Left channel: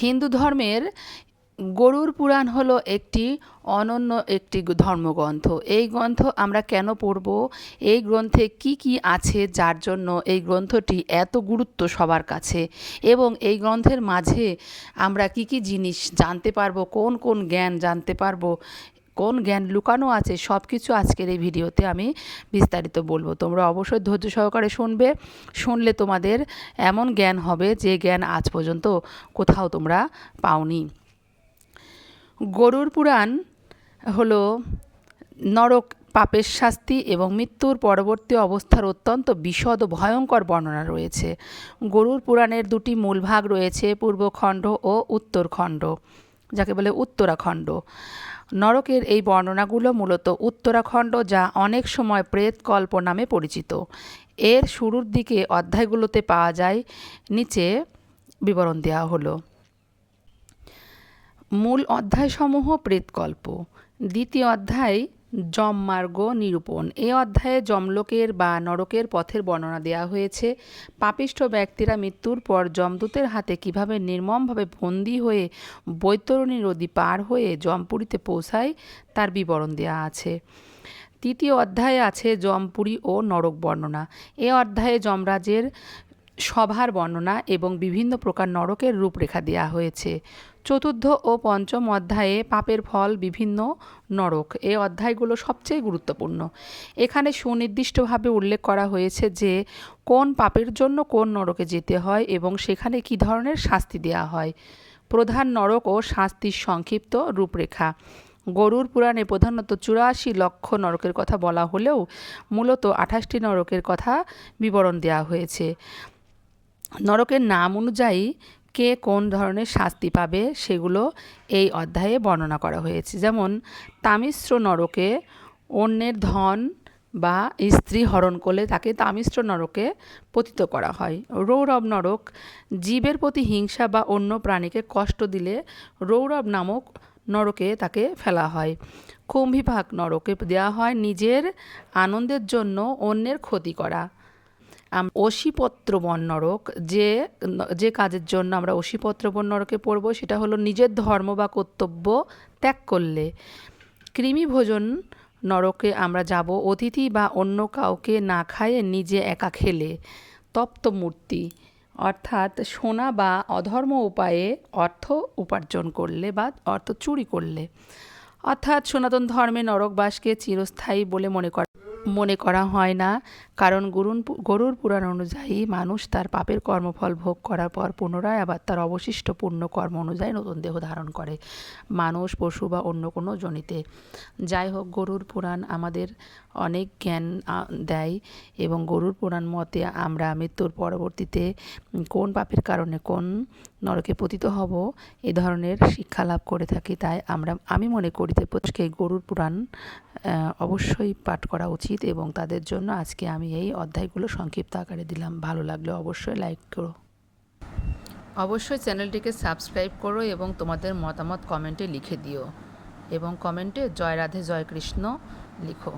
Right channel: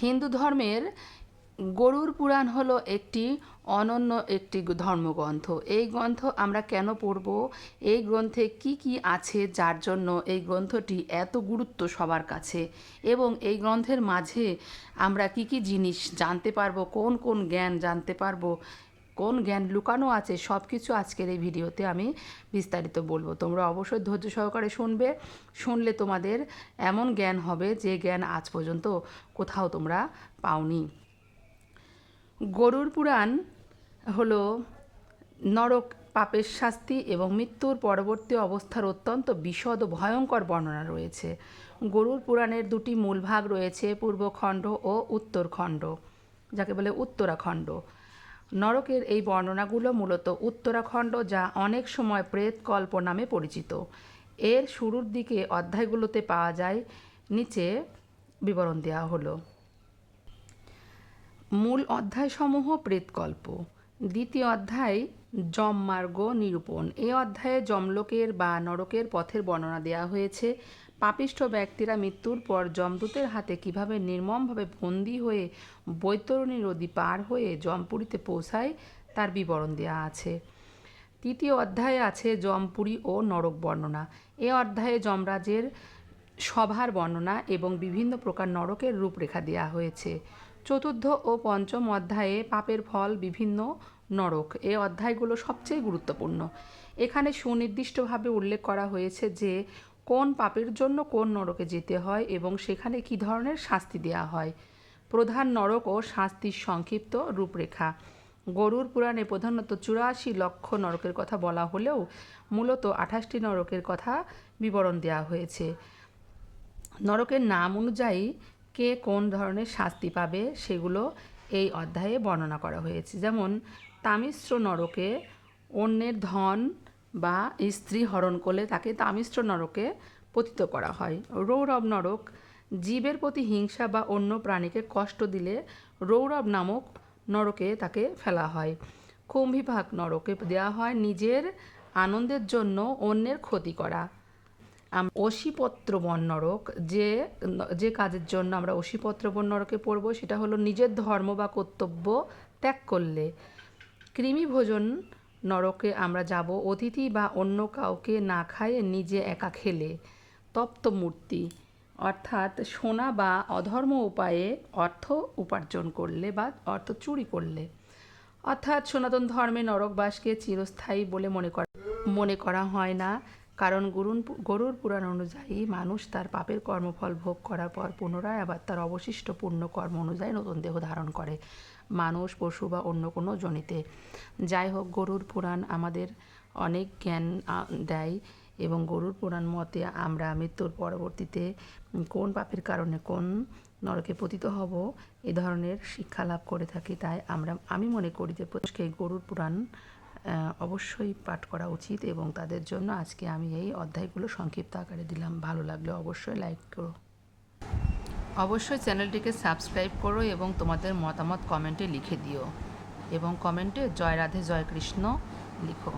হিন্দু ধর্মের গরুর পুরাণ হলো একটি অনন্য একটি ধর্মগ্রন্থ। এই গ্রন্থ আমরা কেন পড়ব, এই গ্রন্থে কি কি আছে যার জন্য এই গ্রন্থটি এত গুরুত্ব সবার কাছে, এবং এই গ্রন্থের মাঝে আমরা কি কি জিনিস জানতে পারবো, কোন কোন জ্ঞান জানতে পারবো, কোন জ্ঞান লুকানো আছে, সব কিছু আজকের এই ভিডিওতে আমি বিস্তারিত বলবো। তোমরা অবশ্যই ধৈর্য সহকারে শুনবে। শুনলে তোমাদের এমন জ্ঞান হবে যে জ্ঞান আজ পর্যন্ত কোথাও তোমরা পাওনি। গরুর পুরাণ হলো নরক, পাপের শাস্তি এবং মৃত্যুর পরবর্তী অবস্থার অত্যন্ত বিশদ ও ভয়ঙ্কর বর্ণনা রয়েছে। গরুর পুরাণের দুটি মূল ভাগ রয়েছে, পূর্বখণ্ড ও উত্তরখণ্ড, যাকে বলে উত্তরাখণ্ড। নরকের এই বর্ণনাগুলো মূলত উত্তরাখণ্ড, যা অনেক সময় প্রেতকল্প নামে পরিচিত। এর শুরুর দিকে অধ্যায়গুলোতে পাওয়া যায়, নিচে বিবরণ দেওয়া হলো। মূল অধ্যায়সমূহ প্রেতকল্প। দ্বিতীয় অধ্যায় যমমার্গ নিরূপণ। এই অধ্যায়ে যমলোকের বা নরকের পথের বর্ণনা দেওয়া হয়েছে। পাপিষ্ঠ ব্যক্তিরা মৃত্যুর পর যমদূতের হাতে কিভাবে নির্মমভাবে বন্দী হয়ে বৈতরণী নদী পার হয়ে যমপুরীতে পৌঁছায় তার বিবরণ দেওয়া আছে। তৃতীয় অধ্যায়ে আছে যমপুরী ও নরক বর্ণনা। এ অধ্যায়ে যমরাজের সভার বর্ণনা এবং বিভিন্ন প্রকার নরকের রূপরেখা দেওয়া হয়েছে। চতুর্থ ও পঞ্চম অধ্যায়ে পাপের ফল, বিভিন্ন নরক। এই অধ্যায়গুলো সবচেয়ে গুরুত্বপূর্ণ। এখানে সুনির্দিষ্টভাবে উল্লেখ করা হয়েছে যে কোন পাপের জন্য কোন নরকে যেতে হয় এবং সেখানে কী ধরনের শাস্তি দেওয়া হয়। প্রধান নরক ও শাস্তির সংক্ষিপ্ত রূপরেখা। গরুর পুরাণে প্রধানত 84 লক্ষ নরকের কথা বলা হলেও মূলত 28টি নরকের কথা বিবরণ দেওয়া হয়েছে। নরকের নাম অনুযায়ী কে কোন ধরনের শাস্তি পাবে সেগুলো এই অধ্যায়ে বর্ণনা করা হয়েছে। যেমন তামিশ্র নরকে অন্যের ধন বা স্ত্রী হরণ করলে তাকে তামিশ্র নরকে পতিত করা হয়। রৌরব নরক, জীবের প্রতি হিংসা বা অন্য প্রাণীকে কষ্ট দিলে রৌরব নামক নরকে তাকে ফেলা হয়। কুম্ভিপাক নরকে দেওয়া হয় নিজের আনন্দের জন্য অন্যের ক্ষতি করা। অশীপত্রবন নরক, যে কাজের জন্য আমরা অশীপত্রবন নরকে পড়ব সেটা হলো নিজের ধর্ম বা কর্তব্য ত্যাগ করলে। কৃমিভোজন নরকে আমরা যাব অতিথি বা অন্য কাউকে না খাইয়ে নিজে একা খেলে। তপ্তমূর্তি, অর্থাৎ সোনা বা অধর্ম উপায়ে অর্থ উপার্জন করলে বা অর্থ চুরি করলে। অর্থাৎ সনাতন ধর্মে নরকবাসকে চিরস্থায়ী বলে মনে করা হয় না, কারণ গরুর পুরাণ অনুযায়ী মানুষ তার পাপের কর্মফল ভোগ করার পর পুনরায় আবার তার অবশিষ্ট পুণ্য কর্ম অনুযায়ী নতুন দেহ ধারণ করে, মানুষ, পশু বা অন্য কোনো যোনিতে। যাই হোক, গরুর পুরাণ আমাদের অনেক জ্ঞান দেয় এবং গরুর পুরাণ মতে আমরা মৃত্যুর পরবর্তীতে কোন পাপের কারণে কোন নরকে পতিত হব এ ধরনের শিক্ষা লাভ করে থাকি। তাই আমি মনে করি যে প্রত্যেককে গরুর পুরাণ অবশ্যই পাঠ করা উচিত এবং তাদের জন্য আজকে আমি এই অধ্যায়গুলো সংক্ষিপ্ত আকারে দিলাম। ভালো লাগলে অবশ্যই লাইক করো, অবশ্যই চ্যানেলটিকে সাবস্ক্রাইব করো এবং তোমাদের মতামত কমেন্টে লিখে দিও এবং কমেন্টে জয় রাধে জয় কৃষ্ণ লিখো।